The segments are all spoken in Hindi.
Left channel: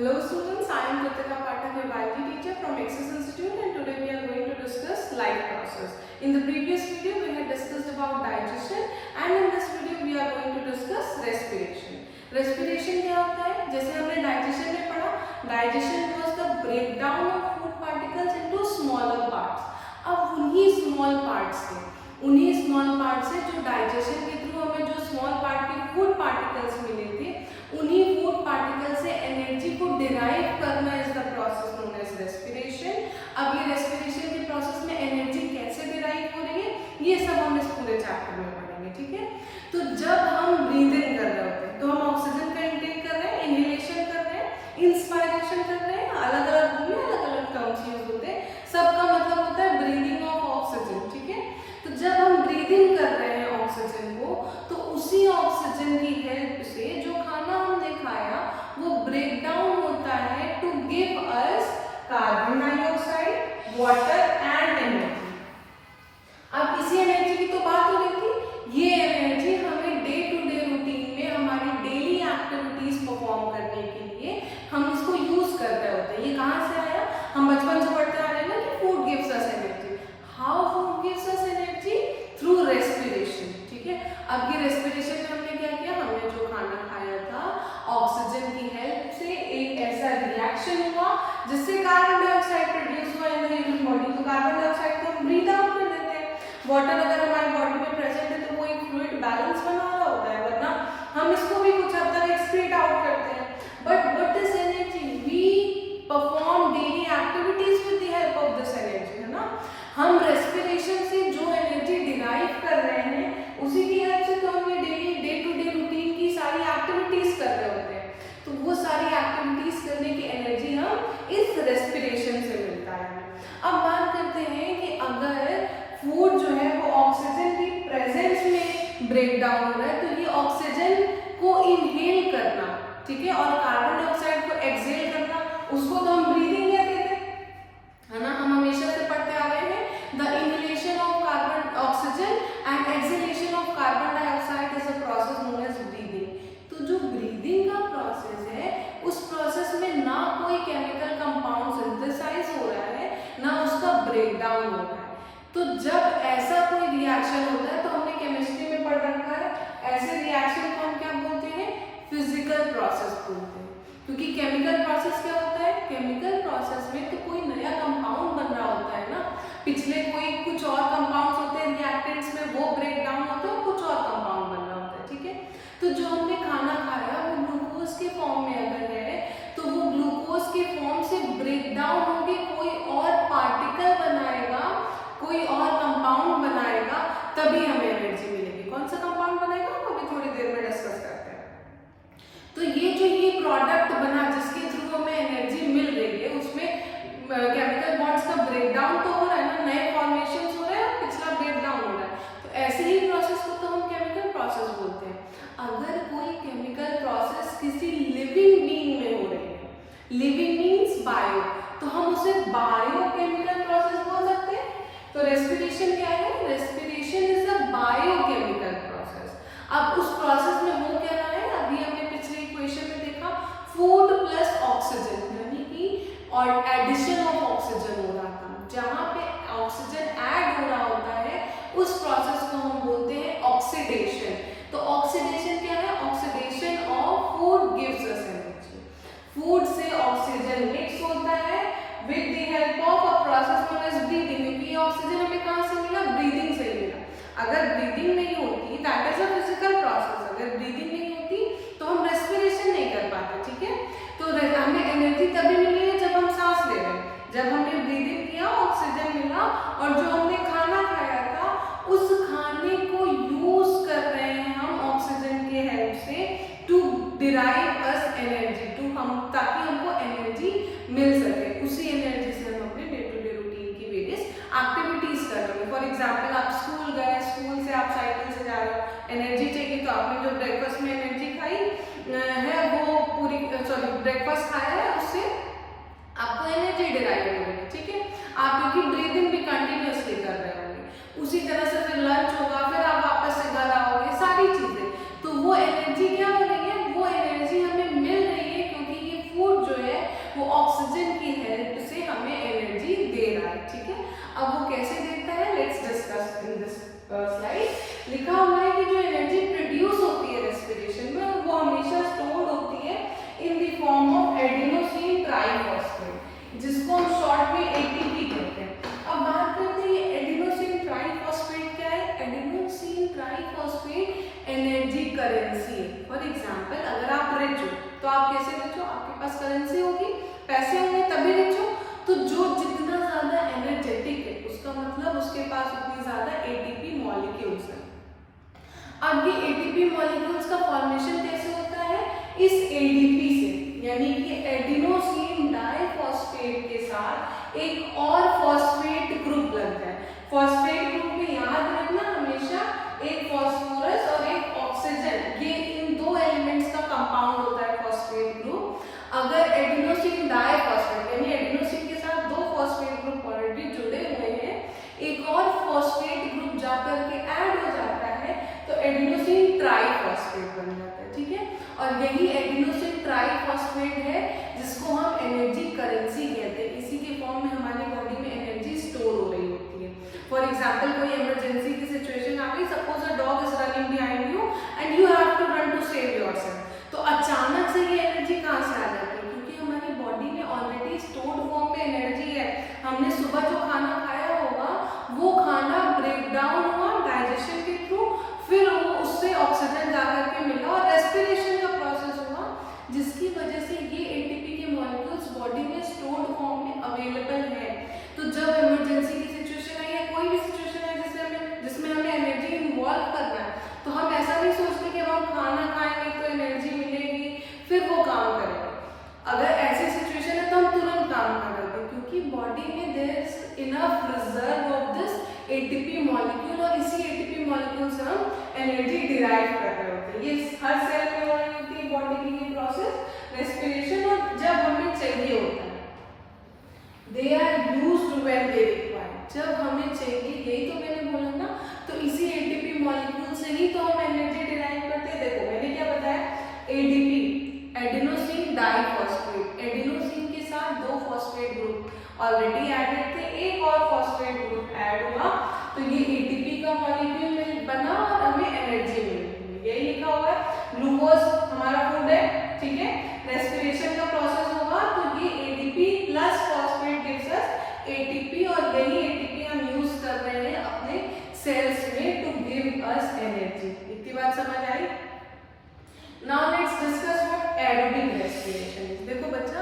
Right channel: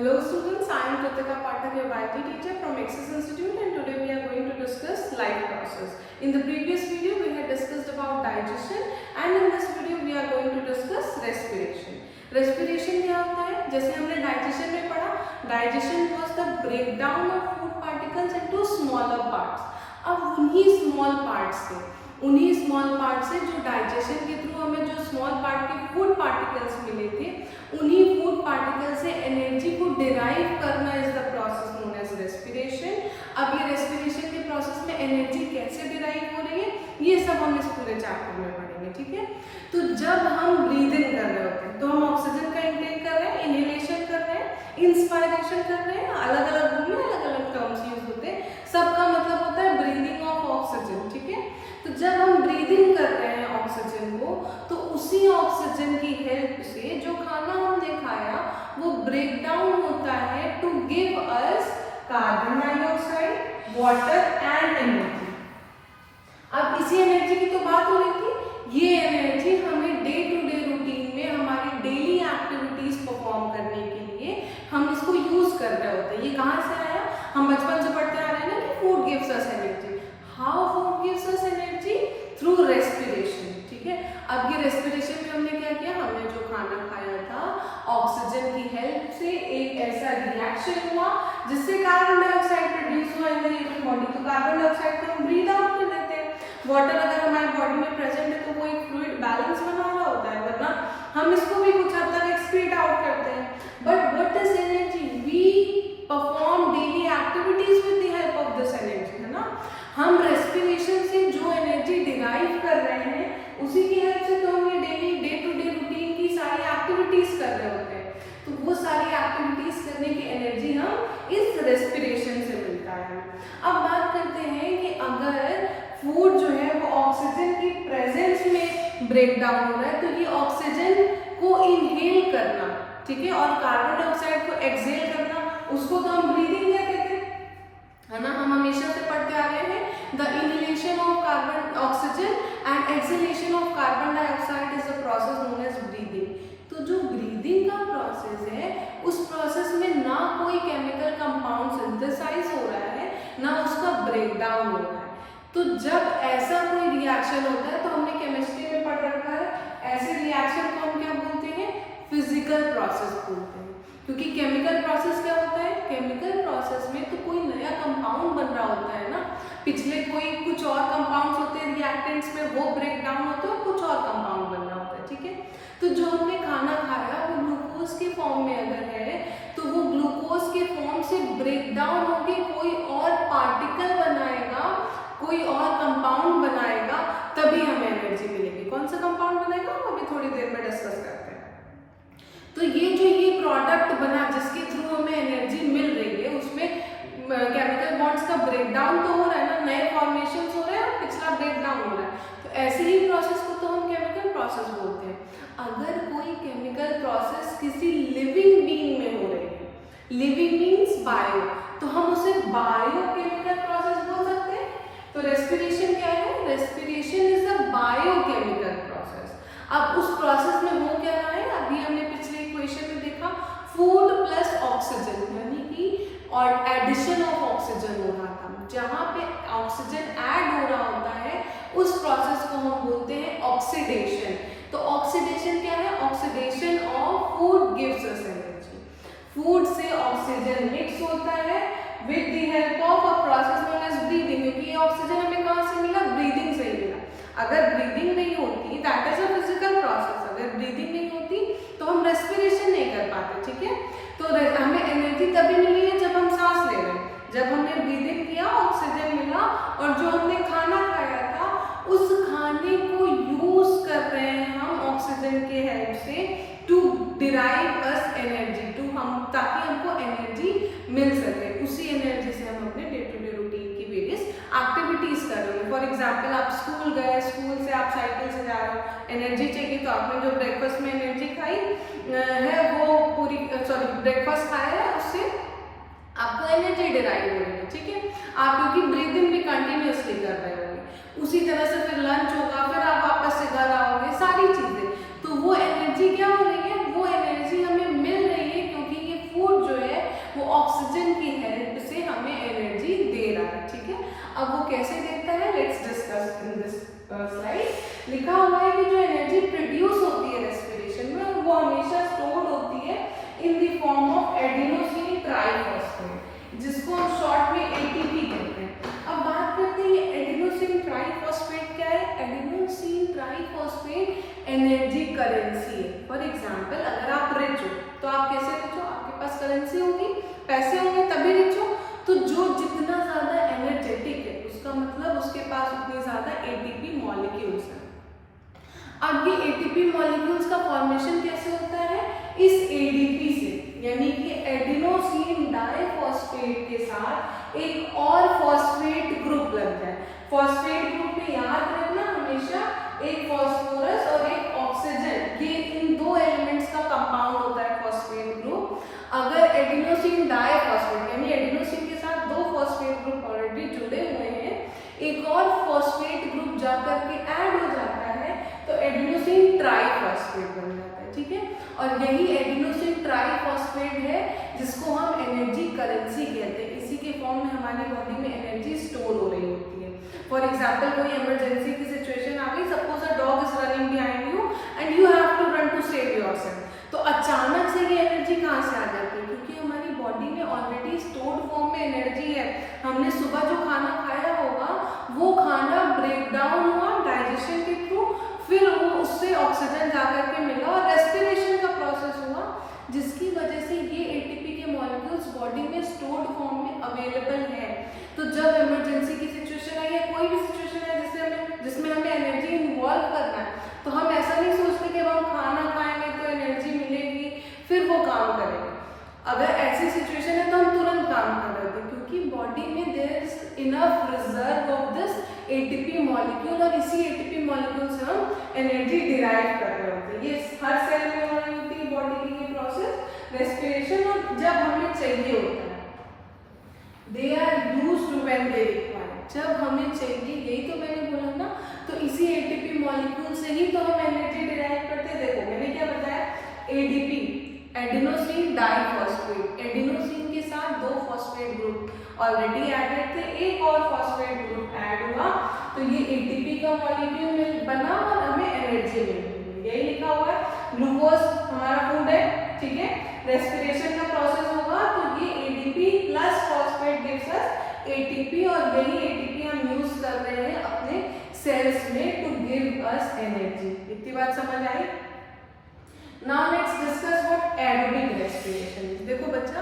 Hello students, I am Kritika Pathak, your biology teacher from Axis Institute, and today we are going to discuss life process. In the previous video we had discussed about digestion, and in this video we are going to discuss respiration. Respiration क्या होता है? जैसे हमने digestion में पढ़ा, digestion was the breakdown of food particles into smaller parts. अब उन्हीं small parts से जो डाइजेशन के थ्रू हमें जो स्मॉल पार्ट के फूड पार्टिकल्स मिले थे, उन्हीं फूड पार्टिकल से एनर्जी को डिराइव करना is the process known as respiration. अब ये रेस्पिरेशन के प्रोसेस में एनर्जी कैसे डिराइव हो रही है, ये सब हम इस पूरे चैप्टर में पढ़ेंगे, ठीक है। तो जब हम ब्रीदिंग कर रहे होते हैं तो हम ऑक्सीजन का इंटेक कर रहे हैं, इनहेलेशन कर रहे हैं, इंस्पायरेशन कर रहे हैं, अलग अलग होंगे, अलग अलग टर्म्स यूज होते हैं, सबका मतलब होता है ब्रीदिंग ऑफ ऑक्सीजन, ठीक है। तो जब हम ब्रीदिंग कर रहे हैं ऑक्सीजन को, तो उसी ऑक्सीजन की हेल्प से जो खाना हमने खाया वो ब्रेक डाउन होता है to give us carbon dioxide, water and energy. अब इसी एनर्जी की तो बात हो रही थी, ये एनर्जी हमें डे टू डे रूटीन में हमारी डेली एक्टिविटीज परफॉर्म करने के लिए हम इसको यूज कर रहे होते हैं। ये कहाँ से आया? हम बचपन से पढ़ते आ रहे हैं ना कि food gives us energy. How food gives us energy? Through respiration, ठीक है। अब ये रेस्पिरेशन में हमने क्या किया, हमने जो खाना खाया था ऑक्सीजन की हेल्प से एक ऐसा रिएक्शन हुआ जिससे कार्बन डाइऑक्साइड प्रोड्यूस हुआ इन द ह्यूमन बॉडी। तो कार्बन डाइऑक्साइड को हम ब्रीथ आउट कर देते हैं। वाटर अगर हमारी बॉडी में प्रेजेंट है तो वो एक फ्लूइड बैलेंस बना रहा होता है, वरना हम इसको भी कुछ हद तक एक्सक्रीट आउट करते हैं। But what is energy? We perform daily activities with the help of this energy, है ना। हम रेस्पिरेशन से जो एनर्जी डिराइव कर रहे हैं उसी की हेल्प से तो हम ये daily day to day routine की सारी एक्टिविटीज कर रहे होते हैं। तो वो सारी एक्टिविटीज करने की एनर्जी हम इस रेस्पिरेशन से मिलता है। अब बात करते हैं कि अगर फूड जो है वो ऑक्सीजन की प्रेजेंस में ब्रेक डाउन हो रहा है तो ये ऑक्सीजन को इनहेल करना, ठीक है, और कार्बन डाइऑक्साइड को एक्सहेल करना, उसको तो हम ब्रीदिंग कहते हैं, है ना। हम हमेशा से पढ़ते आ रहे हैं the inhalation of carbon oxygen and exhalation of carbon dioxide is a process known as breathing. तो जो ब्रीदिंग का प्रोसेस है उस प्रोसेस में ना कोई केमिकल कंपाउंड सिंथेसाइज हो रहा है, ना उसका ब्रेक डाउन हो रहा है। तो जब ऐसा कोई रिएक्शन होता है तो हमने केमिस्ट्री में पढ़ रखा है, ऐसे रिएक्शन को हम क्या बोलते हैं? फिजिकल प्रोसेस बोलते हैं। क्योंकि केमिकल प्रोसेस क्या होता है? केमिकल प्रोसेस में तो कोई नया कंपाउंड बन रहा होता है ना, पिछले कोई कुछ और कंपाउंड्स होते हैं रिएक्टेंट्स में, वो ब्रेक डाउन होते हैं और कुछ और कंपाउंड बन रहा होता है, ठीक है। तो जो हमने खाना खाया वो ग्लूकोज के फॉर्म में अगर है तो वो ग्लूकोज के फॉर्म से ब्रेक डाउन होके कोई और पार्टिकल बनाएगा, कोई और कंपाउंड बनाएगा, तभी हमें एनर्जी मिलेगी। कौन सा कंपाउंड बनाएगा हम अभी थोड़ी देर में डिस्कस करते हैं। तो ये जो ये प्रोडक्ट बना जिसके थ्रू हमें एनर्जी मिल रही है उसमें केमिकल बॉन्ड्स का ब्रेक डाउन तो हो रहा है ना, नए फॉर्मेशंस हो रहे हैं और पिछला ब्रेक डाउन हो रहा है। तो ऐसे ही प्रोसेस को तो हम केमिकल प्रोसेस बोलते हैं। अगर कोई केमिकल प्रोसेस किसी लिविंग बीइंग में हो रही है, लिविंग मीन्स बायो, तो हम उसे बायोकेमिकल प्रोसेस बोल सकते हैं। तो रेस्पिरेशन क्या है? Respiration is a biochemical process. अब उस प्रोसेस में हो क्या रहा है? अभी हमने पिछले इक्वेशन में देखा फूड प्लस ऑक्सीजन, यानी कि और एडिशन ऑफ ऑक्सीजन हो रहा था। जहां पे ऑक्सीजन ऐड हो रहा होता है उस प्रोसेस को हम बोलते हैं ऑक्सीडेशन। तो ऑक्सीडेशन क्या है? Oxidation of food gives us energy. Food से ऑक्सीजन मिक्स होता है with the help of a process known as breathing, क्योंकि ये ऑक्सीजन हमें कहाँ से मिला? ब्रीदिंग से ही मिला। अगर ब्रीदिंग नहीं होती, that is a physical process, अगर ब्रीदिंग नहीं होती तो हम रेस्पिरेशन नहीं कर पाते, ठीक है। तो हमें एनर्जी तभी मिली है जब हम सांस ले रहे हैं, जब हमने ब्रीदिंग किया ऑक्सीजन मिला, और जो हमने खाना खाया था उस खाने को यूज कर रहे हैं हम ऑक्सीजन के हेल्प से टू डिराइव अस एनर्जी, ताकि हमको एनर्जी मिल सके। उसी एनर्जी से हम अपने डे टू डे रूटीन की वेरियस एक्टिविटीज कर रहे हैं। फॉर एग्जाम्पल आप स्कूल गए, स्कूल से आप साइकिल से जा रहे हो, एनर्जी चाहिए, तो आपने जो ब्रेकफास्ट में एनर्जी खाई है वो पूरी ब्रेकफास्ट खाया है, उससे आपको एनर्जी डिराइव हो रही है, ठीक है। आप क्योंकि ब्रीदिंग भी कंटिन्यूअसली कर रहे होंगे, उसी तरह से फिर लंच होगा, फिर आप वापस से घर आओगे, सारी चीजें, तो वो एनर्जी क्या हो रही है? वो एनर्जी हमें मिल रही है क्योंकि ये फूड जो है in this slide. लिखा हुआ है कि जो एनर्जी प्रोड्यूस होती है रेस्पिरेशन में वो हमेशा स्टोर होती है in the form of adenosine triphosphate, जिसको हम शॉर्ट में एटीपी कहते हैं। अब बात करते हैं एडिनोसिन ट्राइफॉस्फेट क्या है। एडिनोसिन ट्राइफॉस्फेट एनर्जी करेंसी है। फॉर एग्जांपल अगर आप रिच हो तो आप कैसे रिच हो, आपके पास करेंसी होगी, पैसे होंगे तभी रिच हो। तो जो जितना ज्यादा एनर्जेटिक है उसका मतलब उसके पास उतनी ज्यादा एटीपी मॉलिक्यूल्स हैं। अब ये एटीपी मॉलिक्यूल्स का फॉर्मेशन कैसे होता है, इस एडीपी से, यानी कि एडिनोसिन डाइफॉस्फेट के साथ एक और फॉस्फेट ग्रुप लगता है। फॉस्फेट ग्रुप में याद रखना हमेशा एक फॉस्फोरस और एक ऑक्सीजन, ये इन दो एलिमेंट्स का कंपाउंड होता है फॉस्फेट ग्रुप। अगर एडिनोसिन डाइफॉस्फेट यानी एडिनोसिन के साथ दो फॉस्फेट ग्रुप ऑलरेडी जुड़े हुए हैं, एक और फॉस्फेट ग्रुप जाकर के ऐड हो जाता है तो एडिनोसिन ट्राइफॉस्फेट बन जाता है। ठीक है, और यही एडिनोसिन ट्राइफॉस्फेट है जिसको हम एनर्जी करेंसी कहते हैं। इसी के फॉर्म में हमारी बॉडी में एनर्जी स्टोर हो रही होती है। फॉर एग्जाम्पल कोई इमरजेंसी की सिचुएशन आ गई, suppose a dog is running behind you and you have to run to save yourself, तो अचानक से ये एनर्जी कहाँ से आ जाती है, क्योंकि हमारी बॉडी में ऑलरेडी स्टोर्ड फॉर्म में एनर्जी है। हमने सुबह जो खाना खाया होगा वो खाना ब्रेक डाउन हुआ डाइजेशन के थ्रू, फिर वो उससे ऑक्सीजन जाकर के मिला और रेस्पिरेशन का प्रोसेस हुआ, जिसकी वजह से ये एटीपी के मॉलिक्यूल्स बॉडी में स्टोर्ड फॉर्म में अवेलेबल है। तो जब इमरजेंसी की सिचुएशन है या कोई भी सिचुएशन है जिसमें हमें एनर्जी इन्वॉल्व करना है, तो हम ऐसा नहीं सोचते कि अब हम खाना खाएंगे तो एनर्जी मिलेगी फिर वो काम करेंगे। अगर ऐसी सिचुएशन है तो हम तुरंत काम कर रहे थे, क्योंकि बॉडी में there is enough reserve of this ATP molecule, और इसी एटीपी मॉलिक्यूल से हम एनर्जी डिराइव कर रहे होते हैं। ये हर सेल में हो रही होती है बॉडी की ये प्रोसेस रेस्पिरेशन, और जब हमें चाहिए होता है they are used when they require, जब हमें चाहिए, यही तो मैंने बोला ना, तो इसी एटीपी मॉलिक्यूल से ही तो हम एनर्जी डिराइव करते हैं। देखो मैंने क्या बताया, एडीपी एडिनोसिन डाइफॉस्फेट, एडिनोसिन के साथ दो फॉस्फेट ग्रुप ऑलरेडी एडेड थे, एक और फॉस्फेट ग्रुप ऐड हुआ तो ये एटीपी का मॉलिक्यूल बना और हमें एनर्जी मिल गई। यही लिखा हुआ है, ग्लूकोज हमारा फूड है, ठीक है, रेस्पिरेशन का प्रोसेस होगा तो ये ADP plus phosphate gives us ATP, और यही एटीपी हम यूज कर रहे हैं अपने सेल्स में टू गिव अस एनर्जी। इतनी बात समझ आई। Now let's discuss what aerobic respiration is. देखो बच्चा,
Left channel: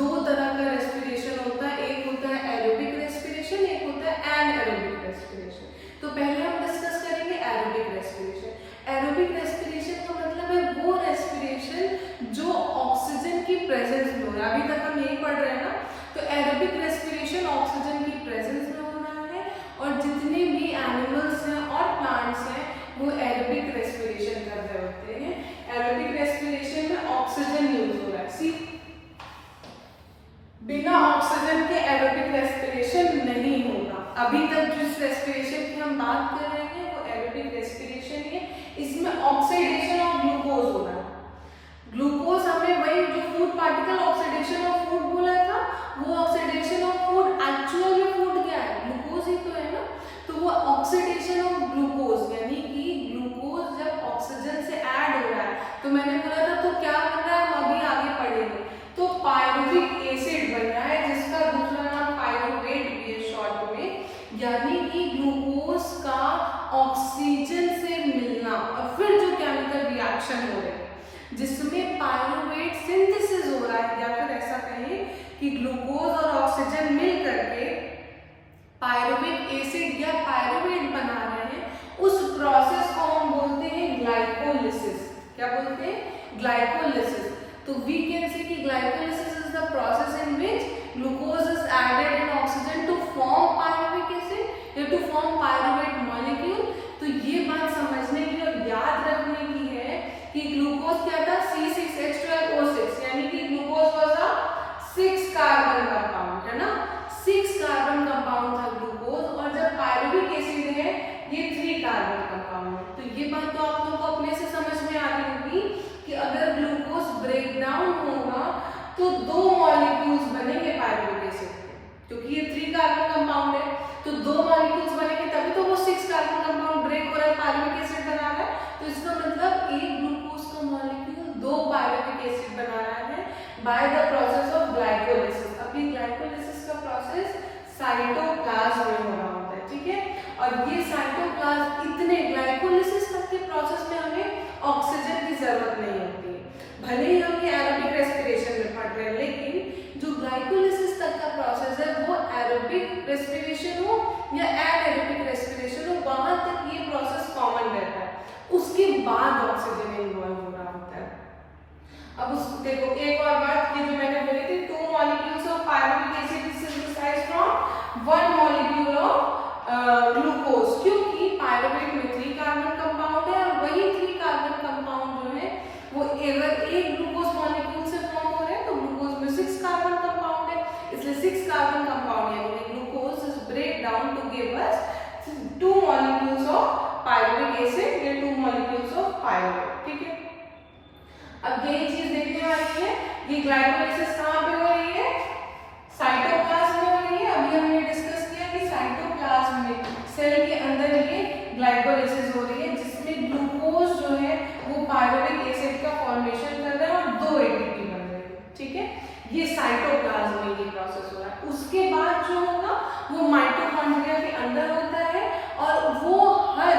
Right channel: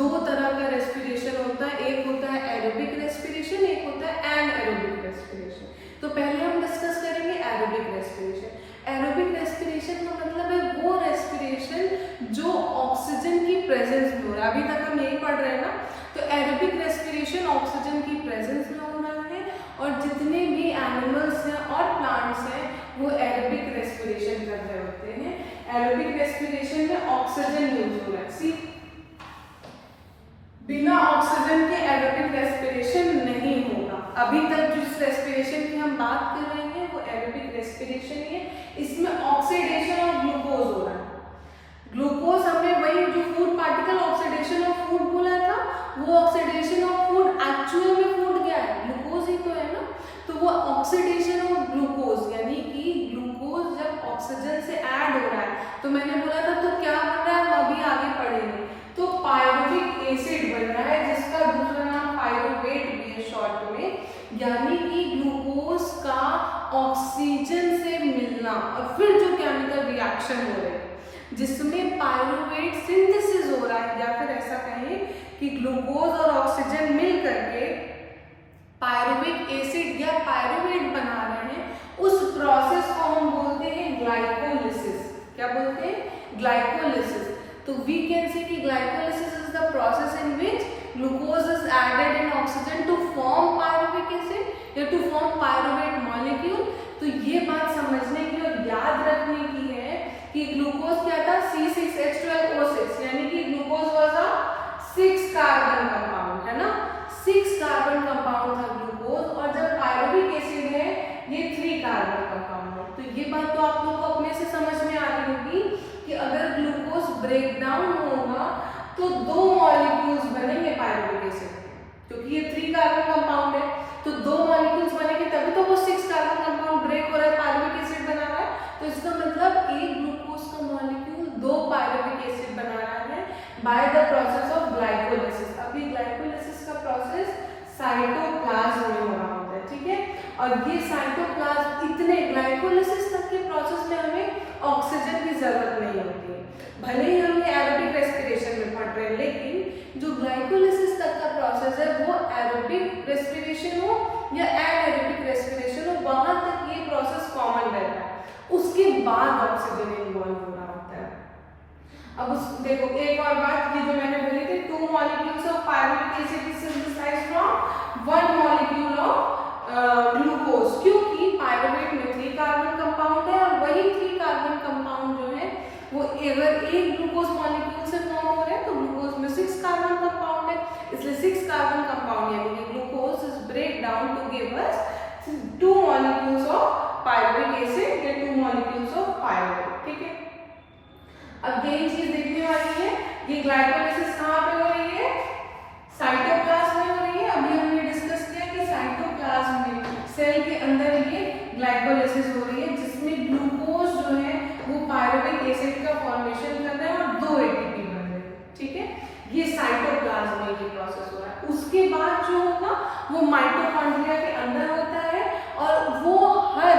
दो तरह का रेस्पिरेशन होता है, एक होता है एरोबिक रेस्पिरेशन, एक होता है एनएरोबिक रेस्पिरेशन। तो पहले हम डिस्कस करेंगे एरोबिक रेस्पिरेशन। एरोबिक रेस्पिरेशन का मतलब है वो रेस्पिरेशन जो ऑक्सीजन की प्रेजेंस में हो रहा है। अभी तक हम यही पढ़ रहे हैं ना, तो एरोबिक रेस्पिरेशन ऑक्सीजन की प्रेजेंस में हो रहा है, और जितने भी एनिमल्स हैं और प्लांट्स हैं वो एरोबिक रेस्पिरेशन कर रहे होते हैं। एरोबिक रेस्पिरेशन में ऑक्सीजन यूज हो रहा है। सी, बिना ऑक्सीजन के एरोबिक रेस्पिरेशन नहीं होगा। अभी तक जिस रेस्पिरेशन की हम बात कर रहे हैं वो एरोबिक रेस्पिरेशन ही है। इसमें ऑक्सीडेशन ऑफ ग्लूकोज हो रहा है। ग्लूकोज हमने वही जो food particle oxidation of food बोला था, वो ऑक्सीडेशन ऑफ फूड एक्चुअल में फूड क्या है, ग्लूकोज ही तो है ना। तो वो ऑक्सीडेशन ऑफ ग्लूकोज यानी कि ग्लूकोज जब ऑक्सीजन से ऐड हो रहा है, तो मैंने बोला था तो क्या बन रहा है, हम अभी आगे पढ़ेंगे। तो पायरुविक एसिड बन रहा है, जिसका दूसरा नाम पायरुवेट भी है शॉर्ट में, यानी कि ग्लूकोज का ऑक्सीजन से मिलना और फिर जो केमिकल रिएक्शन हो रहे हैं जिसमें पायरुवेट सिंथेसिस हो रहा है, या फिर ऐसा कहें कि ग्लूकोज और ऑक्सीजन मिल करके पायरुविक एसिड या पायरुवेट बना रहे हैं, उस प्रोसेस को हम बोलते हैं ग्लाइकोलिसिस। क्या बोलते हैं, ग्लाइकोलिसिस। तो वी कैन से कि glycolysis is the process in which glucose is added in oxygen to form pyruvic acid या टू फॉर्म पायरुवेट मॉलिक्यूल। तो ये बात समझने की और याद रखने की है कि ग्लूकोज क्या था, C6H12O6, यानी कि glucose was a 6 carbon compound, है ना, 6 कार्बन कंपाउंड था ग्लूकोज, और जब पायरुविक एसिड है ये 3 कार्बन कंपाउंड है। तो ये बात तो आप लोगों को अपने से समझ में आ रही होगी कि अगर ग्लूकोज ब्रेक डाउन होगा तो 2 मॉलिक्यूल्स बनेंगे पायरुविक एसिड के, क्योंकि ये 3 कार्बन कंपाउंड है। तो 2 मॉलिक्यूल्स बनेंगे तभी तो वो 6 कार्बन कंपाउंड ब्रेक हो रहा है, पायरुविक एसिड बना रहा है। तो इसका मतलब एक ग्लूकोज का मॉलिक्यूल 2 पायरुविक एसिड बना रहा है by the process of glycolysis. अब ये ग्लाइकोलिसिस का प्रोसेस साइटोप्लाज्म में हो रहा होता है, ठीक है। और ये साइटोप्लाज्म इतने ग्लाइकोलिसिस तक के प्रोसेस में हमें ऑक्सीजन की जरूरत नहीं होती है। भले ही हम ये एरोबिक रेस्पिरेशन में पढ़ रहे हैं, लेकिन जो ग्लाइकोलिसिस तक का प्रोसेस है वो एरोबिक रेस्पिरेशन हो या एनारोबिक रेस्पिरेशन हो, वहां तक ये प्रोसेस कॉमन रहता है। उसके बाद ऑक्सीजन इन्वॉल्व हो रहा होता है। अब उस देखो एक और बात, ये जो मैंने बोली थी 2 molecules of pyruvic acid is synthesised from 1 molecule of glucose, क्योंकि पायरुवेट में 3 कार्बन कंपाउंड है और वही 3 कार्बन कंपाउंड जो है वो अगर एक ग्लूकोज मॉलिक्यूल से फॉर्म हो रहे हैं तो ग्लूकोज में 6 कार्बन कंपाउंड है, इसलिए 6 कार्बन कंपाउंड यानी कि glucose is break down to give us 2 molecules of pyruvic acid या 2 मॉलिक्यूल्स ऑफ पायरुवेट, ठीक है। अब यही चीज देखने वाली है, ये ग्लाइकोलिसिस कहाँ पे हो रही है, साइटोप्लाज्म में हो रही है। अभी हमने डिस्कस किया कि साइटोप्लाज्म में सेल के अंदर ये ग्लाइकोलिसिस हो रही है, जिसमें ग्लूकोज जो है वो पायरुविक एसिड का फॉर्मेशन कर रहे हैं और 2 एटीपी बन रहे हैं, ठीक है। ये साइटोप्लाज्म में ये प्रोसेस हो रहा है। उसके बाद जो होगा वो माइटोकॉन्ड्रिया के अंदर होता है और वो हर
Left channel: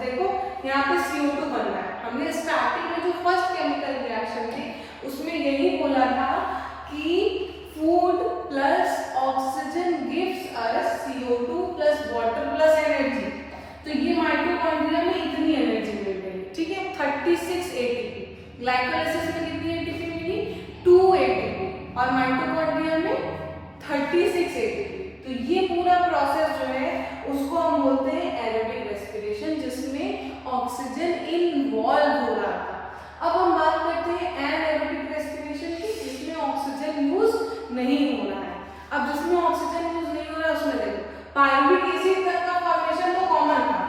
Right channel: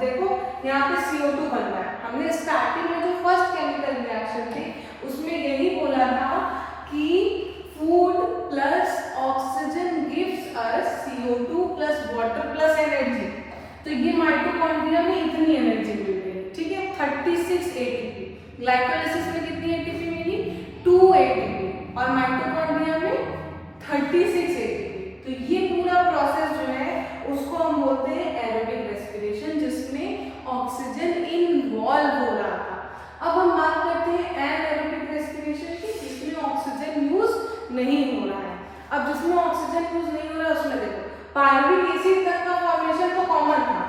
देखो यहाँ पे CO2 बन रहा है। हमने स्टार्टिंग में जो फर्स्ट केमिकल रिएक्शन थी उसमें यही बोला था कि food plus oxygen gives us CO2 plus water plus energy. तो ये माइटोकॉन्ड्रिया में इतनी एनर्जी मिल रही है, ठीक है, 36 ATP। ग्लाइकोलिसिस में कितनी ATP मिली, 2 ATP, और माइटोकॉन्ड्रिया में 36 ATP। तो ये पूरा प्रोसेस जो है उसको हम बोलते हैं एरोबिक रेस्पिरेशन, जिसमें ऑक्सीजन इन्वॉल्व हो रहा था। अब हम बात करते हैं एनारोबिक रेस्पिरेशन की, जिसमें ऑक्सीजन यूज नहीं हो रहा है। अब जिसमें ऑक्सीजन यूज नहीं हो रहा है उसमें देखो पायरुविक एसिड तक का फॉर्मेशन तो कॉमन था,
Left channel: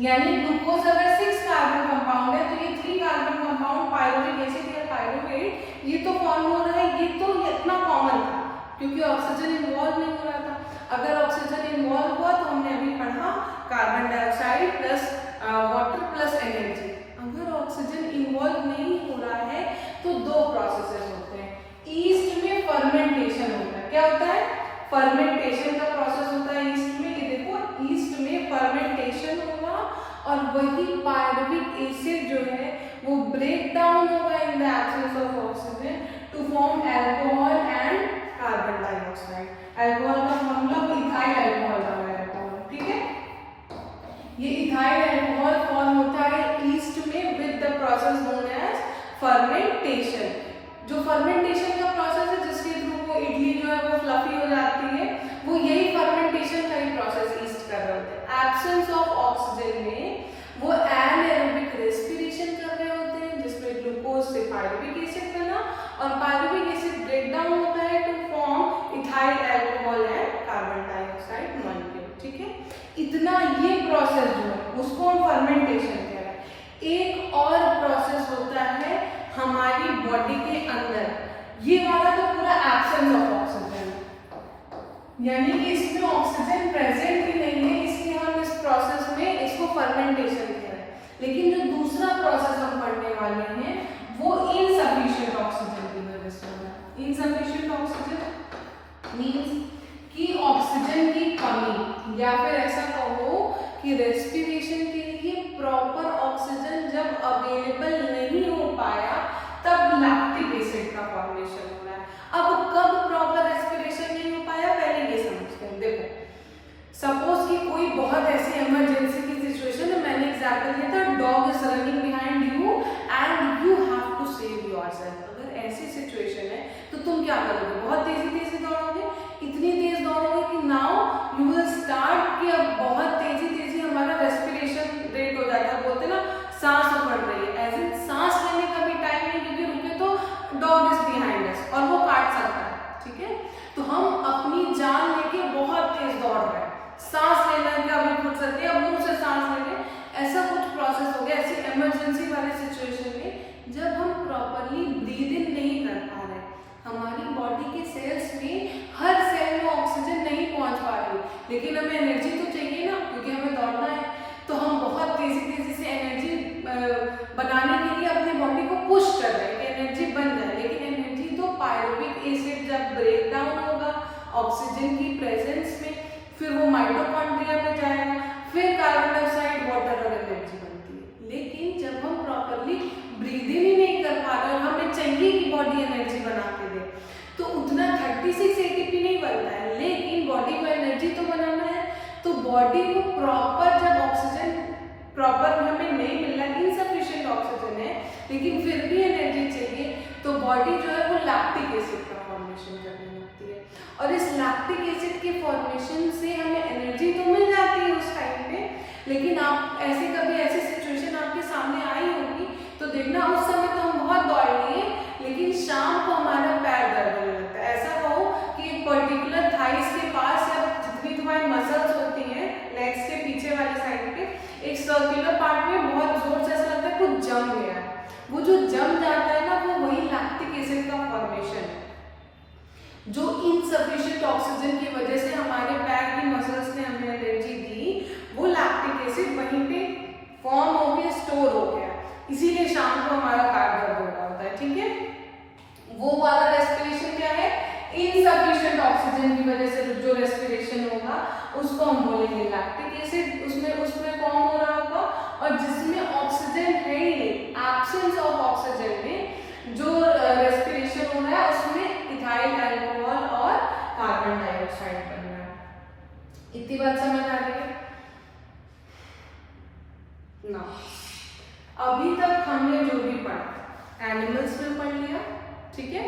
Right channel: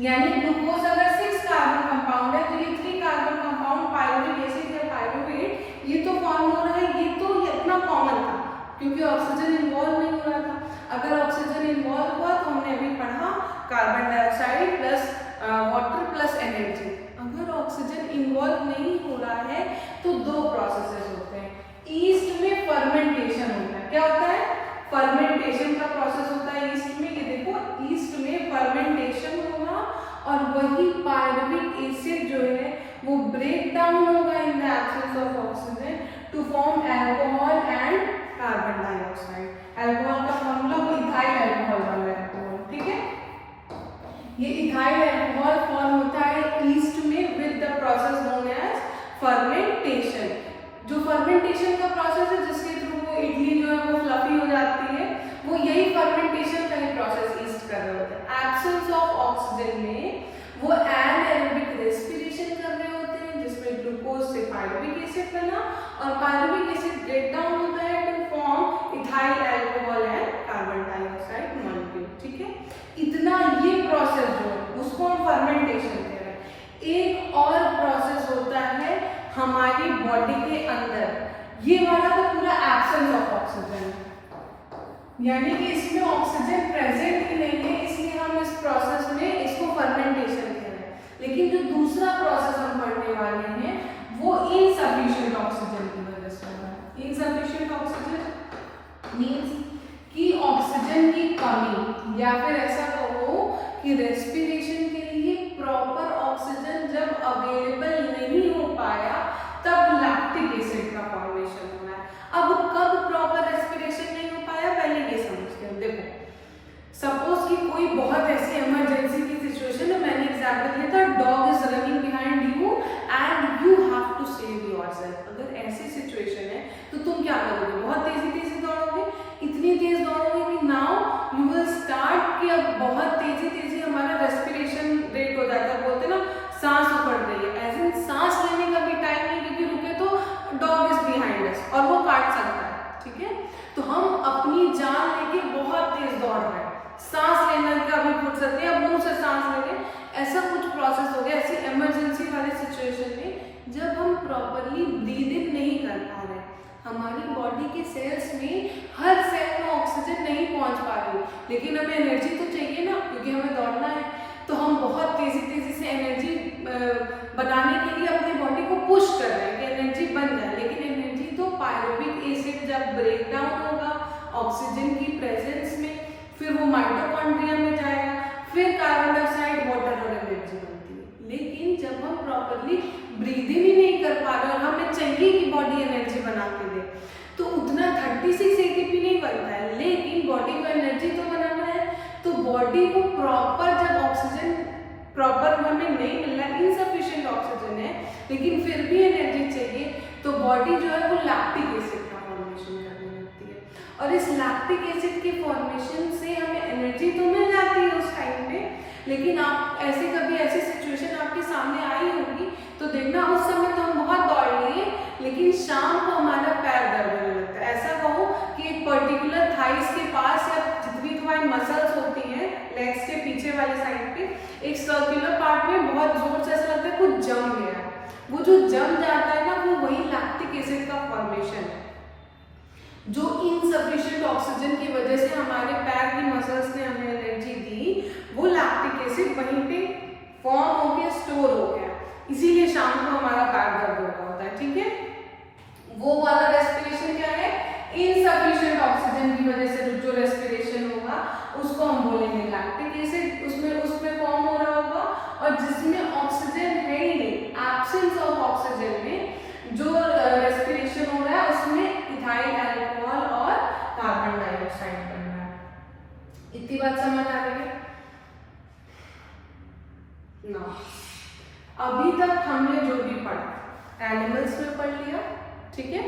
यानी ग्लूकोज अगर 6 कार्बन कंपाउंड है तो ये 3 कार्बन कंपाउंड पायरुविक एसिड या पायरुवेट ये तो फॉर्म हो रहा है, ये तो इतना कॉमन था क्योंकि ऑक्सीजन इन्वॉल्व नहीं हो रहा था। अगर ऑक्सीजन इन्वॉल्व हुआ तो हमने अभी पढ़ा carbon dioxide plus water plus energy. अगर ऑक्सीजन इन्वॉल्व नहीं हो रहा है तो 2 प्रोसेसेस होते हैं। ईस्ट में फर्मेंटेशन होता है, क्या होता है, फर्मेंटेशन का प्रोसेस होता है ईस्ट में। ये देखो ईस्ट में फर्मेंटेशन होगा और वही पायरुविक एसिड जो है वो ब्रेक डाउन होगा in the absence of oxygen to form alcohol and carbon dioxide. Alcohol का फॉर्मूला इथाइल अल्कोहल का है, ठीक है। ये इथाइल अल्कोहल फॉर्म होता है ईस्ट में with the process known as fermentation. जो फर्मेंटेशन का प्रोसेस है जिसके थ्रू वो इडली जो है वो फ्लफी हो जाती है, वो यही फर्मेंटेशन का ही प्रोसेस ईस्ट कर रहे होते हैं। एब्सेंस ऑफ ऑक्सीजन में वो एनारोबिक रेस्पिरेशन कर रहे होते हैं, जिसमें ग्लूकोज से पायरुविक एसिड बना और पायरुविक एसिड ब्रेक डाउन होता है to form ethyl alcohol and carbon dioxide molecule, ठीक है। इतना ये प्रोसेस जो है उसको हम फर्मेंटेशन कह रहे हैं। एक और प्रोसेस होता है हमारी बॉडी के अंदर, ये वाला तो पूरा एब्सेंस ऑफ ऑक्सीजन, यानी कि इसमें ऑक्सीजन प्रेजेंट ही नहीं है, इसलिए हम इस प्रोसेस में इसको फर्मेंटेशन कह रहे हैं। लेकिन जो दूसरा प्रोसेस हम पढ़ने वाले हैं वो इनसफिशिएंट ऑक्सीजन की वजह से होता है। इनसफिशिएंट ऑक्सीजन मींस कि ऑक्सीजन की कमी, या फिर ऐसा कहो कि रेस्पिरेशन के लिए प्रॉपर ऑक्सीजन जब अवेलेबल नहीं हो पाया तब लैक्टिक एसिड का फॉर्मेशन हो रहा है। अब कब प्रॉपर रेस्पिरेशन नहीं हो पाया पहले ये समझते हैं। देखो सपोज कि कोई बहुत ऐसी इमरजेंसी की सिचुएशन है, मैंने एग्जांपल दिया था dog is running behind you and you have to save yourself. अगर ऐसी सिचुएशन है तो तुम क्या करोगे, बहुत तेजी दौड़ोगे, इतनी तेज दौड़ोगे कि नाउ यू विल स्टार्ट कि अब बहुत तेजी हमारा रेस्पिरेशन रेट हो जाता है, बोलते ना सांस उखड़ रही है, एज इन सांस लेने का भी टाइम नहीं, क्योंकि रुके तो डॉग इज बिहाइंड अस और वो काट सकता है, ठीक है। तो हम अपनी जान लेके बहुत तेज दौड़ रहे हैं, सांस लेने का भी फुर्सत नहीं, अब मुंह से सांस लेने, ऐसा कुछ प्रोसेस हो गया। ऐसी इमरजेंसी वाले सिचुएशन में जब हम प्रॉपरली ब्रीद इन नहीं कर पा रहे, हमारी बॉडी के सेल्स में हर सेल में ऑक्सीजन नहीं पहुंच पा रही, लेकिन हमें एनर्जी तो चाहिए ना, क्योंकि हमें दौड़ना है। तो हम बहुत तेजी से एनर्जी बनाने के लिए अपनी बॉडी को पुश कर रहे हैं कि एनर्जी बन जाए, लेकिन एनर्जी तो पायरुविक एसिड जब ब्रेक डाउन होगा ऑक्सीजन की प्रेजेंस में, फिर वो माइटोकॉन्ड्रिया में जाएगा, फिर कार्बन डाइऑक्साइड, वाटर और एनर्जी बनती है। लेकिन जब हम प्रॉपरली ब्रीदिंग ही नहीं कर पा रहे और हमें चाहिए कि बॉडी एनर्जी बना के दे, तो उतना 36 ATP नहीं बनता है, लेकिन बॉडी को एनर्जी तो बनाना है। तो बॉडी को प्रॉपर जब ऑक्सीजन प्रॉपर हमें नहीं मिल रहा, इनसफिशिएंट ऑक्सीजन है, लेकिन फिर भी एनर्जी चाहिए, तो बॉडी जो है वो लैक्टिक एसिड का फॉर्मेशन करने लगती है। और इस लैक्टिक एसिड के फॉर्मेशन से हमें एनर्जी तो मिल जाती है उस टाइम पे, लेकिन आप कभी ऐसी सिचुएशन आपके सामने आई होगी तो देखना उस समय तो हम बहुत दौड़ लिए, लेकिन शाम को हमारा पैर दर्द होने लगता है। ऐसा कहो कि एक पर्टिकुलर थाइस के पास या जितनी तुम्हारी मसल्स होती हैं लेग्स के पीछे वाली साइड पे, एक सर्कुलर पार्ट में बहुत जोर से ऐसा लगता है कुछ जम गया है। वो जो जम जाता है ना, वो वही लैक्टिक एसिड का फॉर्मेशन है, जो इनसफिशिएंट ऑक्सीजन की वजह से हमारे पैर की मसल्स ने हमें एनर्जी दी, वो लैक्टिक एसिड वहीं पे फॉर्म होके स्टोर हो गया, इसीलिए शाम को हमारा पैर दर्द हो रहा होता है। ठीक है, वो वाला रेस्पिरेशन क्या है, इनसफिशिएंट ऑक्सीजन की वजह से जो रेस्पिरेशन होगा उसको हम बोलेंगे लैक्टिक एसिड, उसमें फॉर्म हो रहा होगा। और जिसमें ऑक्सीजन है ही नहीं, एब्सेंस ऑफ ऑक्सीजन में जो रेस्पिरेशन हो रहा है उसमें इथाइल अल्कोहल और कार्बन डाइऑक्साइड बन रहा है। इतनी बात समझ आ रही है ना? अभी तक हमने जो भी पढ़ा एनिमल्स में पढ़ लिया, ठीक है,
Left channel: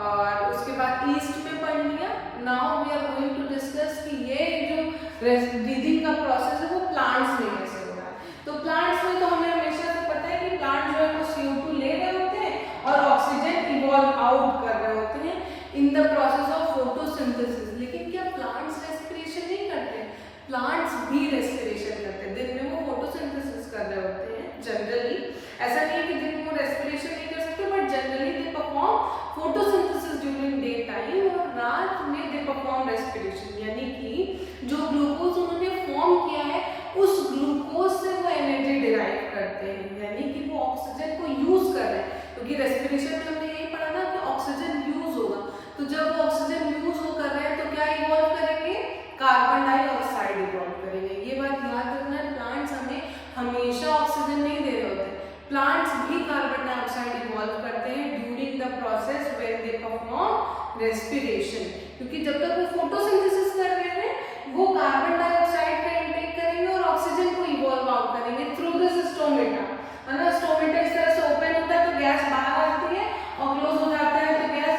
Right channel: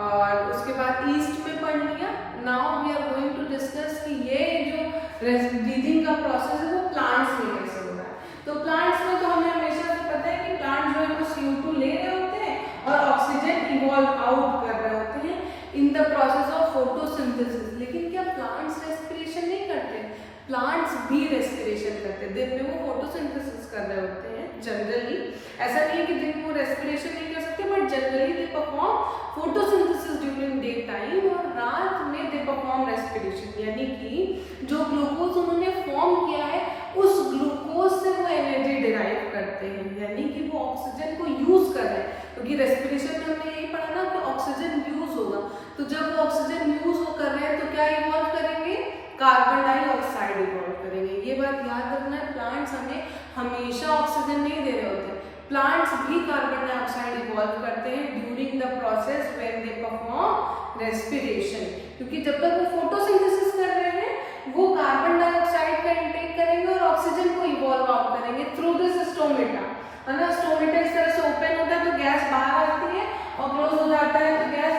और उसके बाद ईस्ट में पढ़ लिया। Now we are going to discuss कि ये जो ब्रीदिंग का प्रोसेस है वो प्लांट्स में कैसे हो रहा है। तो प्लांट्स में तो हमें हमेशा से पता है कि प्लांट जो है वो CO2 ले रहे होते हैं और ऑक्सीजन इवॉल्व आउट कर रहे होते हैं in the process of photosynthesis. लेकिन क्या प्लांट्स रेस्पिरेशन नहीं करते? प्लांट्स भी रेस्पिरेशन करते हैं। दिन में वो फोटोसिंथेसिस कर रहे होते हैं जनरली, ऐसा नहीं है कि दिन में वो रेस्पिरेशन नहीं कर सकते, but generally they perform photosynthesis during day time, और रात में दे परफॉर्म रेस्पिरेशन। यानी कि जो ग्लूकोज उन्होंने फॉर्म किया है उस ग्लूकोज से वो एनर्जी डिराइव करते हैं, यानी कि वो ऑक्सीजन को यूज कर रहे हैं, क्योंकि रेस्पिरेशन में हमने यही पढ़ा ना कि ऑक्सीजन यूज होगा। तो जब वो ऑक्सीजन यूज हो कर रहे हैं तो क्या इवॉल्व करेंगे? कार्बन डाइऑक्साइड इवॉल्व करेंगे। ये बात याद रखना है, प्लांट्स हमें हमेशा ऑक्सीजन नहीं दे रहे होते, प्लांट्स भी कार्बन डाइऑक्साइड इवॉल्व करते हैं during the process when they perform respiration. क्योंकि जब तक वो फोटोसिंथेसिस कर रहे हैं वो कार्बन डाइऑक्साइड का इंटेक करेंगे और ऑक्सीजन को इवॉल्व आउट करेंगे थ्रू दिस स्टोमेटा, है ना। स्टोमेटा इस तरह से ओपन होता है तो गैस बाहर आती है, और क्लोज हो जाता है तो गैस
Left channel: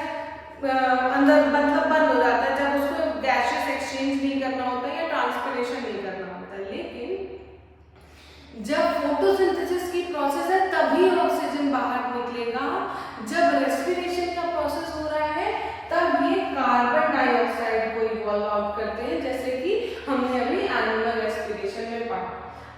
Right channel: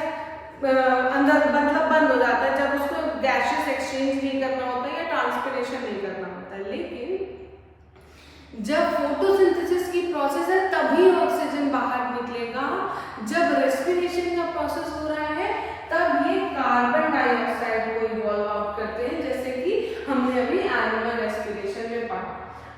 अंदर मतलब बंद हो जाता है, जब उसको गैसियस एक्सचेंज नहीं करना होता है या ट्रांसपिरेशन नहीं करना होता है। लेकिन जब फोटोसिंथेसिस की प्रोसेस है तभी ऑक्सीजन बाहर निकलेगा, जब रेस्पिरेशन का प्रोसेस हो रहा है तब ये कार्बन डाइऑक्साइड को इवॉल्व आउट करते हैं, जैसे कि हमने अभी एनिमल रेस्पिरेशन में पढ़ा।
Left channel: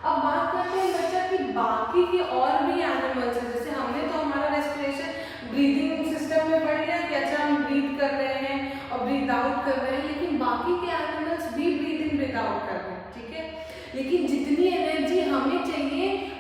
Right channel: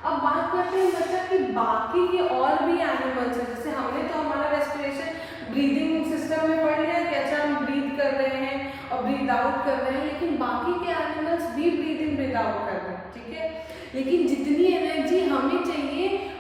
अब बात करते हैं बच्चा कि बाकी के और भी एनिमल्स हैं, जैसे हमने तो हमारा रेस्पिरेशन ब्रीदिंग सिस्टम में पढ़ लिया कि अच्छा हम ब्रीथ कर रहे हैं और ब्रीथ आउट कर रहे हैं, लेकिन बाकी के एनिमल्स भी ब्रीथ इन ब्रीथ आउट कर रहे हैं, ठीक है। लेकिन जितनी एनर्जी हमें चाहिए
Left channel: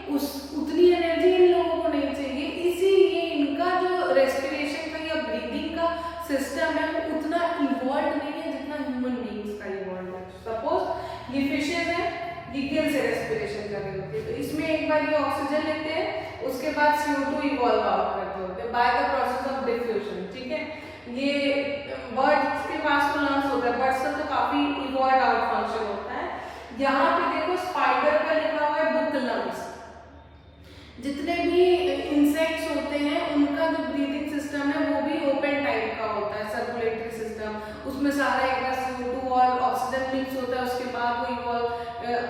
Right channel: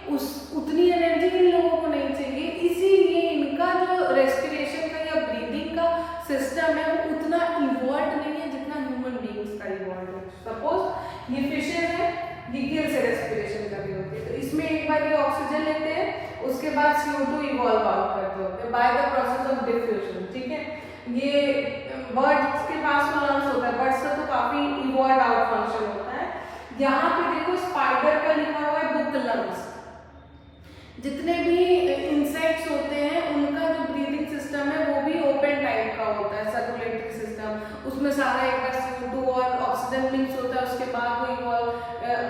उतनी एनर्जी इन लोगों को नहीं चाहिए, इसीलिए इनका जो रेस्पिरेशन का या ब्रीदिंग का सिस्टम है वो उतना इवॉल्व नहीं है जितना ह्यूमन बीइंग्स का इवॉल्व है। सपोज ये फिशेज है, ये गिल से रेस्पिरेशन कर रही होती है, तो इसमें एक बार ये ऑक्सीजन लेते हैं, उसके बाद CO2 इवॉल्व आउट करते होते हैं by the process of diffusion, ठीक है। ये बर्ड्स के पास लंग्स होता है, बर्ड्स का तो काफी इवॉल्व आउट फंक्शन होता है। यहाँ पे देखो स्पाइडर का लिखा हुआ है बुक लंग्स। जितने भी इंसेक्ट्स होते हैं उनका जो ब्रीदिंग सिस्टम है वो भी ओपन टाइप का होता है, सर्कुलेटरी सिस्टम। उसमें सारा एक बार CO2 और ऑक्सीजन मिक्स होता है, उसके बाद वो इवॉल्व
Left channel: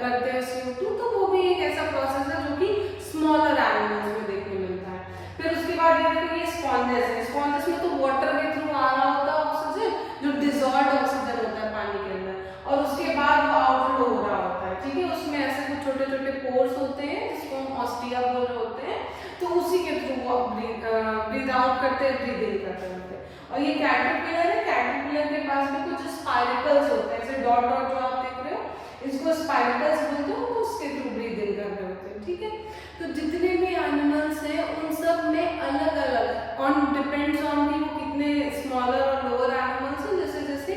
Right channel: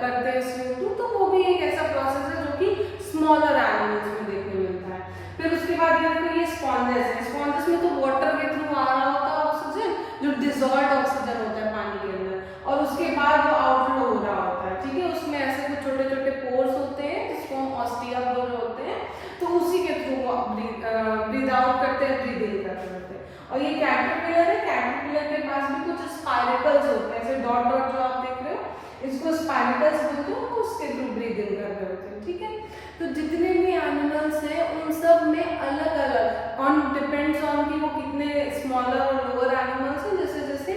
करते हैं CO2, तो वो भी एक ऐसा प्रोसेस है जो कि स्मॉलर एनिमल्स में देखने मिलता है। फिर उसके बाद ये देखो ये स्पॉन्जेस है, स्पॉन्जेस में तो वाटर के थ्रू आ रहा होता है ऑक्सीजन जो डिजॉल्व ऑक्सीजन होता है पानी के अंदर, और उसके बाद वो आउटफ्लो हो रहा होता है, ठीक है। उसमें ऐसे कुछ छोटे छोटे पोर्स होते हैं जिसको हम ऑस्टिया बोल रहे होते हैं, तो उसी के थ्रू वो ब्रीद आउट करते हैं, ब्रीद इन करते होते हैं। और ये कैटरपिलर है, कैटरपिलर के पास भी कुछ स्पाइरकल्स होते हैं, ऐसे डॉट डॉट जो आप देख रहे हो, इसको स्पाइरकल्स बोलते हैं, उसके थ्रू ब्रीद इन कर रहे होते हैं, ठीक है। तो जितने भी एनिमल्स हैं उन सब में अलग अलग ऑन डिपेंड्स ऑन कि वो कितने स्मॉलर और लोअर एनिमल्स हैं, जैसे जैसे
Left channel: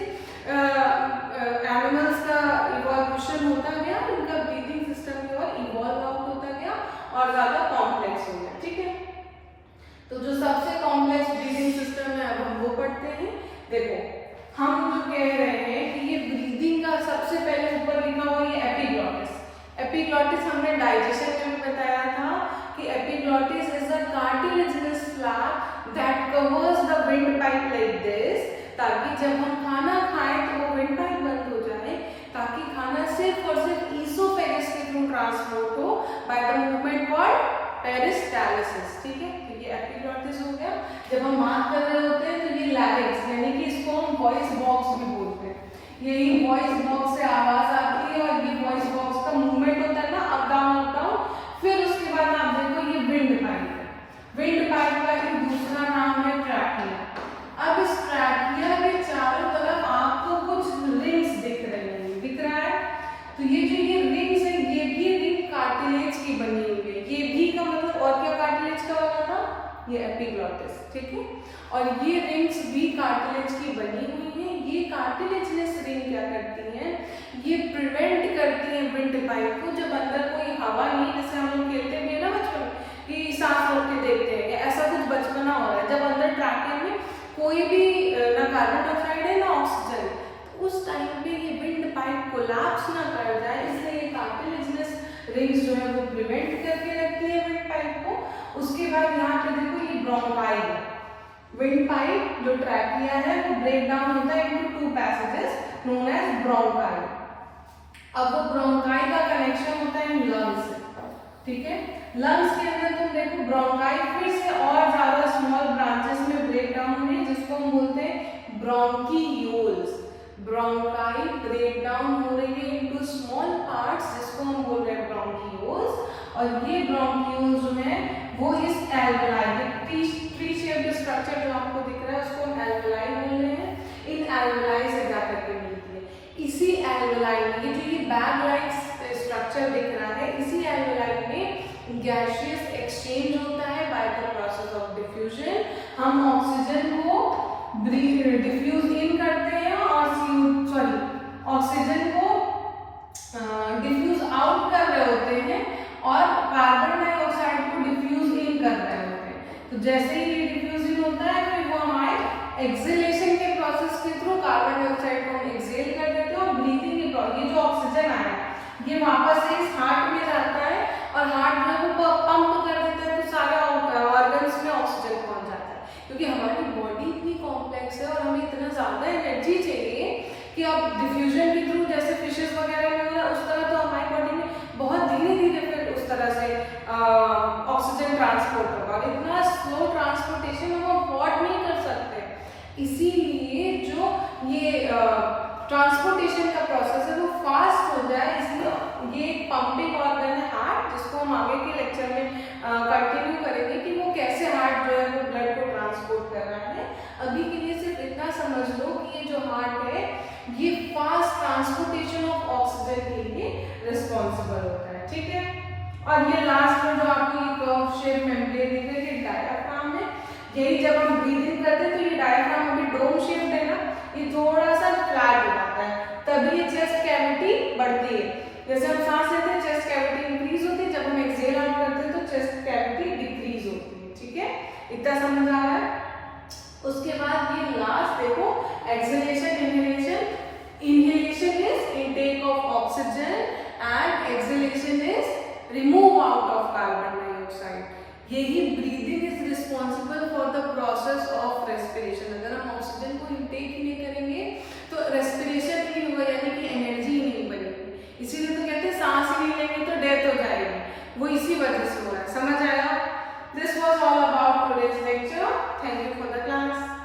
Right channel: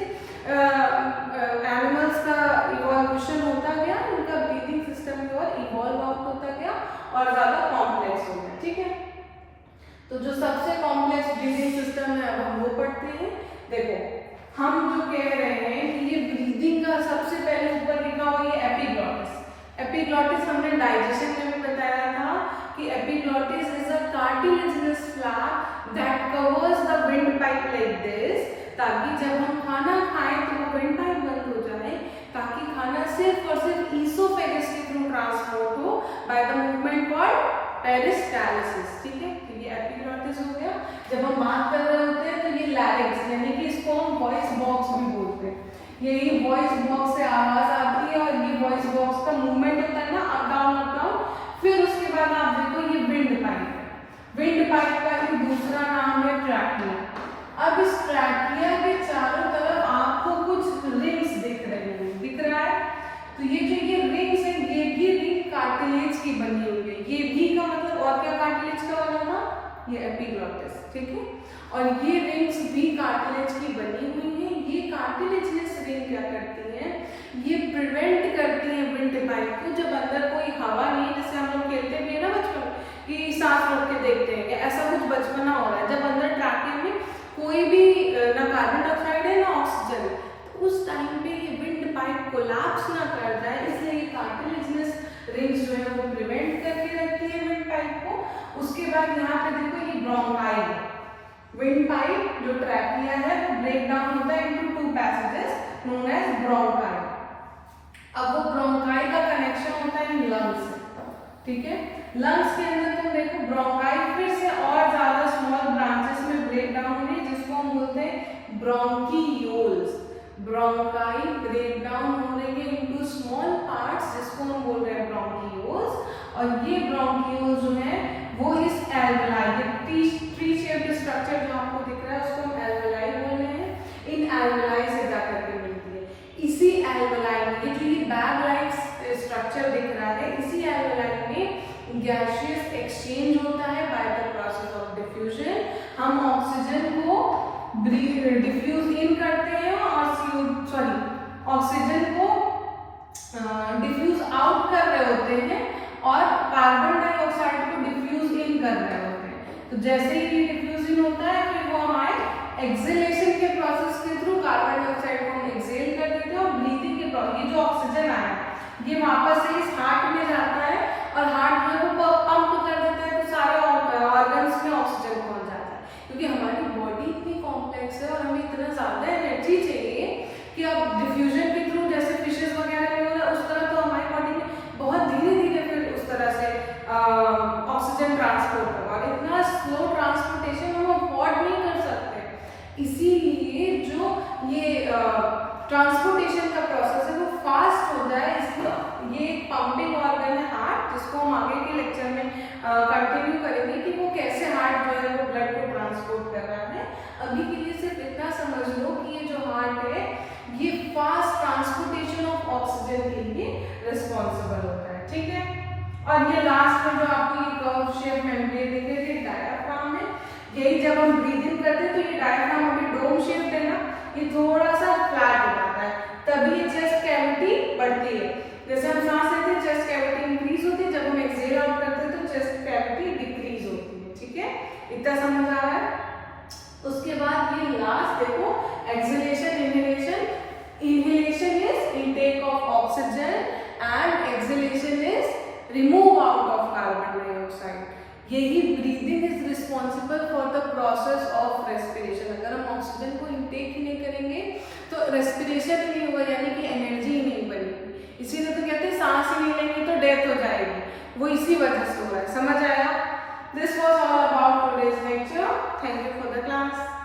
एनिमल्स का इवोल्यूशन होता गया, उनका ब्रीदिंग सिस्टम भी और इवॉल्व आउट होता गया और ज्यादा कॉम्प्लेक्स हो गया, ठीक है। तो जो सबसे कॉम्प्लेक्स ब्रीदिंग सिस्टम है अब हम वो पढ़ते हैं। देखो हम जो कह रहे हैं कि ये ब्रीदिंग का सबसे पहले ऊपर लिखा हुआ ये एपिग्लॉटिस। एपिग्लॉटिस हमने डाइजेशन में भी बताया था कि epiglottis is a cartilaginous flap that covers the wind pipe like this, ताकि जब हम खाना खाएं तो वो विंड पाइप बंद हो जाए, ताकि खाना सिर्फ और सिर्फ ईसोफेगस के थ्रू ट्रांसपोर्ट हो by the movement called peristalsis, ठीक है। ये एपिग्लॉटिस हो गया। जब हम बात कर रहे होते हैं तो ये लैरिंक्स, यानी कि इसको हम वॉइस बॉक्स भी बोलते हैं। यही वॉइस बॉक्स से आवाज आती है और ये वॉइस बॉक्स का मूवमेंट होता है ना, अप डाउन। फिर उसके बाद आप देखो ये विंड पाइप है। विंड पाइप का एक दूसरा नाम है ट्रैकिया। अब इस ट्रैकिया के चारों तरफ आपको कुछ रिंग्स दिख रहे हैं, दिख रहा है? तो ये जो ये रिंग्स है, ये भी रिंग कार्टिलेज की बनी हुई है। ये भी का मतलब और क्या कार्टिलेज का बना था? ये एपिग्लॉटिस, ठीक है। और ये रिंग्स भी कार्टिलेज की बनी हुई है। ये कार्टिलेजिनस रिंग क्या करती हैं? ये प्रिवेंट करती हैं विंड पाइप को, जब अंदर कोई हवा नहीं, जैसे हम लोग खेलते भी है ना बचपन में कि सांस रोक के देखते हैं, ऐसा कुछ बचपना हो रहा है, जब अंदर ट्रैकिया में कोई भी ना कार्बन डाइऑक्साइड है ना ऑक्सीजन, तो उस टाइम पे ये विंड पाइप कोलैप्स ना कर जाए, इसलिए ये कार्टिलेजिनस रिंग्स जो है वो प्रिवेंट करके रखती है विंड पाइप को। उसके बाद यहाँ पे देखो ये ब्रोंकाई है। विंड पाइप जो ट्रैकिया है वो ब्रेक डाउन होता है into two passages known as bronchi. अब वो ब्रोंकाई का कनेक्शन होता है लंग्स से, ठीक है। लंग्स के अंदर तुम देखो ब्रोंकाई फिर से और ज्यादा स्मॉल ब्रांचेस में ब्रेक डाउन हुई, जिसको हम बोलते हैं ब्रोंकियोल्स। ब्रोंकाई ब्रेक डाउन हो रही है इनटू स्मॉल पार्ट्स, जिसको हम बोल रहे हैं ब्रोंकियोल्स। और ये ब्रोंकियोल्स जो है वो इस एल्वेलाई, ट्री शेप्ड स्ट्रक्चर जो आपको दिख रहा है उसको हम एल्वेलाई बोल रहे हैं। इन एल्वेलाई से जा करके मिलती है। इसी एल्वेलाई में जो ये बैग लाइक स्ट्रक्चर दिख रहा है, इसी एल्वेलाई में गैसियस एक्सचेंज होता है by the process of diffusion. हम ऑक्सीजन को डिफ्यूज इन करते हैं और ऑक्सीजन को डिफ्यूज आउट कर रहे होते हैं और कार्बन डाइऑक्साइड को डिफ्यूज इन कर रहे होते हैं। तो जैसे ही ये डिफ्यूज इन होता है फिर वो हमारे एक्सेलेशन के प्रोसेस के थ्रू कार्बन डाइऑक्साइड को हम एक्सेल कर देते हैं और ब्रीथिंग के प्रोसेस, ये जो ऑक्सीजन आया ये वापस से इस हार्ट में जाता है और हार्ट में वो पंप कर देता है, तो सारे ऑर्गन्स में ऑक्सीजन पहुंच जाता है। क्योंकि हमारी बॉडी इतनी कॉम्प्लेक्स है और हमें इतना ज्यादा एनर्जी चाहिए कि अब डिफ्यूजन के थ्रू जैसे फिशेस वगैरह नहीं हो रहा उस तरह, तो हमारी बॉडी में बहुत धीरे धीरे फिर उस तरह से ऑक्सीजन ट्रांसपोर्ट होगा। इतना स्लो ट्रांसपोर्टेशन हम अफोर्ड नहीं कर सकते, इसीलिए जो ये ट्रांसपोर्टेशन का प्रोसेस है वो फास्ट हो जाए, इसलिए ये एक पंपिंग ऑर्गन है हार्ट, जिसको हम आगे के लेक्चर में कंटिन्यू करेंगे कि वो कैसे हार्ट जो है वो ब्लड को ट्रांसपोर्ट कर रहा है। अभी के लिए सिर्फ इतना समझ लो कि ये जो हार्ट है ये फास्ट ट्रांसपोर्टेशन ऑफ ऑक्सीजन के लिए रिस्पॉन्सिबल होता है, ठीक है। और ये लास्ट में जो आपको ये कर्व शेप मेम्ब्रेन दिख रही है डायफ्राम है। यही जब हम ब्रीथ इन करते हैं तो ये डायफ्राम अभी डोम शेप है ना, ये थोड़ा सा फ्लैट हो जाता है, तभी ये चेस्ट कैविटी बढ़ती है। जैसे हम सांस लेते हैं चेस्ट कैविटी इंक्रीज होती है, जब हम एक्सहेल आउट करते हैं तो चेस्ट कैविटी डिक्रीज होती है, ठीक है। इतना समझ आ रहा है? उसके बाद ये लास्ट देखो exhalation inhalation. Inhalation is intake of oxygen and exhalation is remove out of carbon dioxide. यही breathing is responsible for the process of respiration. अगर हम ऑक्सीजन को इनटेक ही नहीं करेंगे तो रेस्पिरेशन नहीं होगा, यानी कि एनर्जी ही नहीं बनेगी। इसीलिए तो कहते हैं सांस ही नहीं लेंगे तो डेथ हो जाएगी, वो इसी वजह से हो रहा है। समझ आया? This was all about today's lecture. Thank you for the class.